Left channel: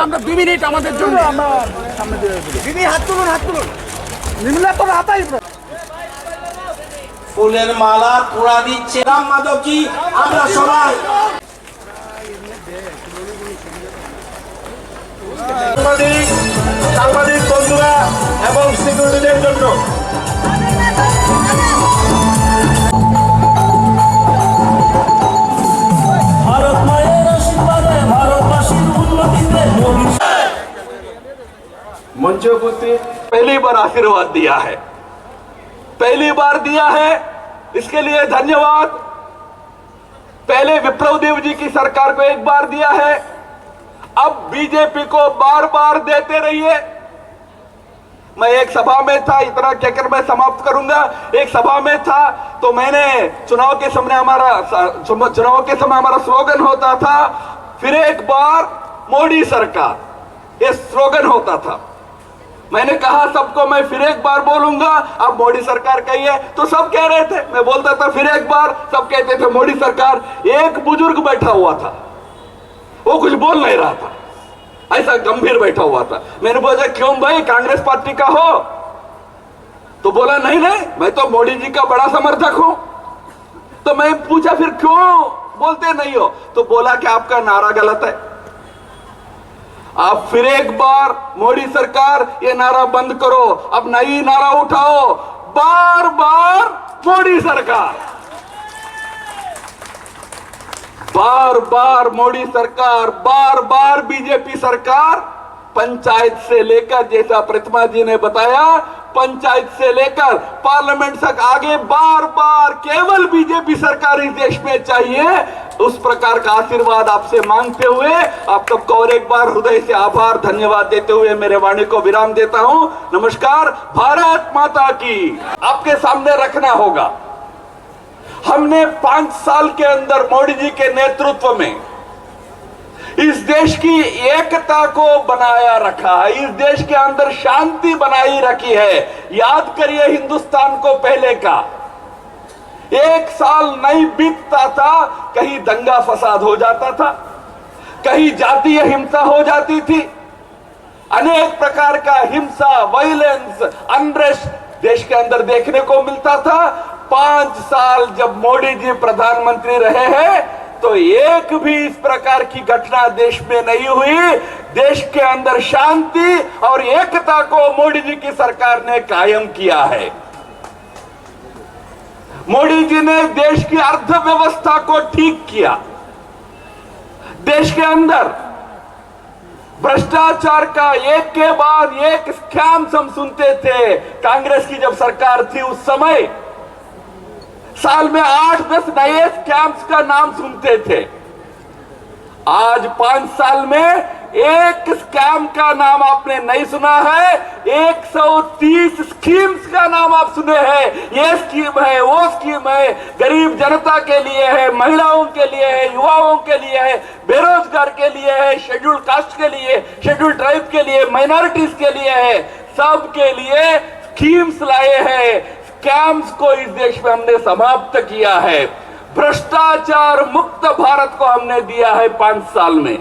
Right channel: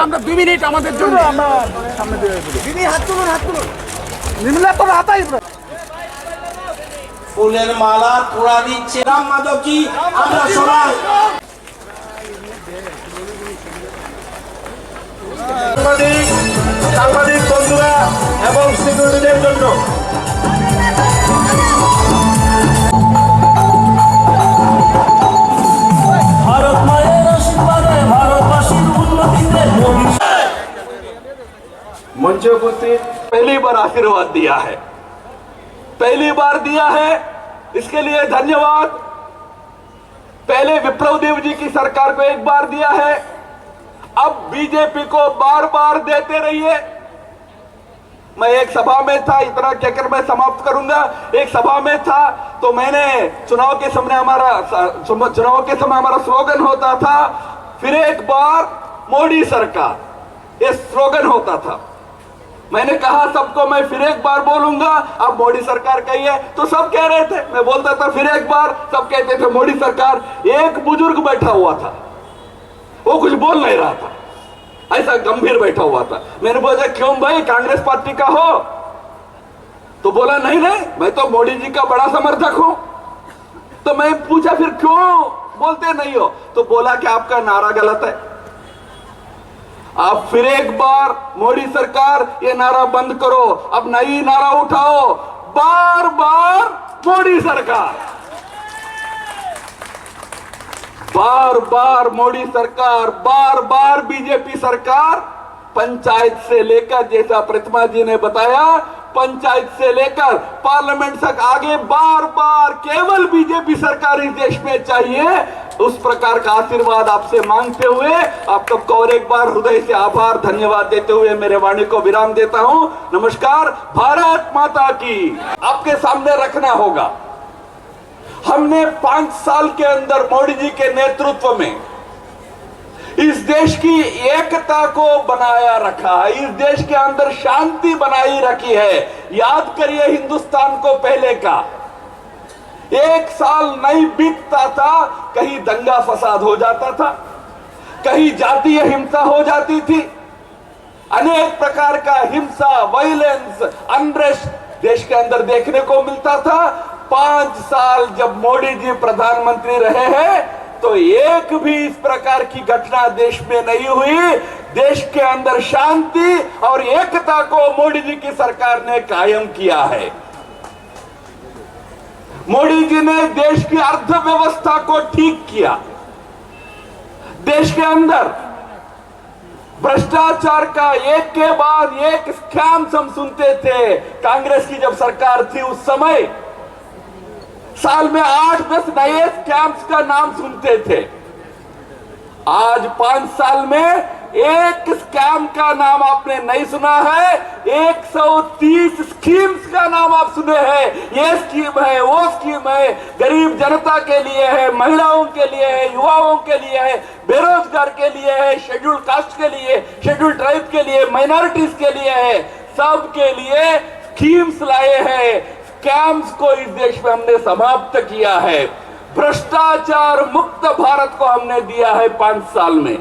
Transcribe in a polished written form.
আমরা 2 মিনিট আমাদের জন্য আমরা সামনে দিয়ে দিদি হাত তুলুন নিমলা তো হাতাই ফুলের মালা তোড়া দিচ্ছে রাম মাধবজি আমরা সবাই সাংবাদিক বন্ধুরা এবং সিকিউরিটিদের জন্য मंच उपस्थित पहली बार आशीर्वाद दिया है, पहली बार दिया है, इसके लिए धन्यवाद। पहले विप्लव देव जी की सरकार को एक बार दिया है, अब बीजेपी को बार बार देते रहिए। मैं एक सभा में था, इतना कहकर मैं समाप्त करूंगा। एक सभा में था तो मैंने चुनाव के समय हमारा स्लोगन होता था, फिर एक बार मोदी सरकार, ये स्लोगन होता था। मैंने कहा सबको मैं फिर एक बार बोलूंगा, अब मोदी सरकार कही है तो सब कह रहे थे, मैं बोलता था फिर एक बार, सब कहते थे मोदी सरकार। एक बुजुर्ग बैठा हुआ था, वो कुछ बोल नहीं रहा था, ऐसा गंभीर बैठा हुआ था। मैंने बोला क्यों भाई, कांग्रेस पार्टी का हो? तो बोला नहीं मैं तो मोदी जी का बड़ा समर्थक हूं। तो मैं पूछा फिर क्यों बोलते नहीं हो? तो बोला कि आपका नारा गलत है, आप फिर एक बार मोदी सरकार ये नारा बंद करो, अब नई नारा उठाओ, बार बार मोदी सरकार, बार बार मोदी सरकार, बार बार बीजेपी सरकार। पंचायत से लेकर, जैसा प्रतिमा जी ने बताया, पंचायत से लेकर पार्लियामेंट तक आगे बार बार केवल बीजेपी सरकार इस देश में चाहिए। उस प्रकार का आशीर्वाद आपसे मांगते हुए आप सबको और एक बार हृदय से आभार धन्यवाद देते हुए मेरे वाणी को विराम देता हूं। नमस्कार, भारत माता की। आपके सामने रखना होगा, हमने 5 साल के अंदर मोदी जी के नेतृत्व में इस देश की एकता को बनाया रखा है, इस देश के अंदर शांति बनाई रखी है। याद करिए हिंदुस्तान को पहले का, एक साल नहीं बीतता था कहीं दंगा फसाद हो जाता था, कहीं जातीय हिंसा हो जाती थी, अनेक प्रकार का हिंसा, वायलेंस, अनरेस्ट देश के अंदर देखने को मिलता था। 5 साल जब मोदी जी प्रधानमंत्री रहे हैं तो एक भी इस प्रकार की घटना देश में नहीं हुई। देश के अंदर शांति और एकता को मोदी जी की सरकार ने कायम किया है। मोदी जी ने देश की अर्थव्यवस्था को ठीक किया। देश के अंदर भ्रष्टाचार का एक के बाद एक स्कैम्स हम सुनते थे। कांग्रेस की जब सरकार थी उस समय साल में 8-10 नए स्कैम्स का नाम सुनते थे। आज 5 साल में एक स्कैम का नाम आपने नहीं सुना है, 130 स्कीम्स का नाम आप सुने हैं। ये स्कीम है, वो स्कीम है, गरीब जनता के लिए है, महिलाओं के लिए है, युवाओं के लिए है, बेरोजगार के लिए है, शेड्यूल कास्ट के लिए, शेड्यूल ट्राइब के लिए, माइनॉरिटीज के लिए है, सबके लिए स्कीम्स लाए हैं। स्कैम्स को इस देश में हमने समाप्त किया है। भ्रष्टाचार मुक्त भारत को हमने दिया है 5 साल में।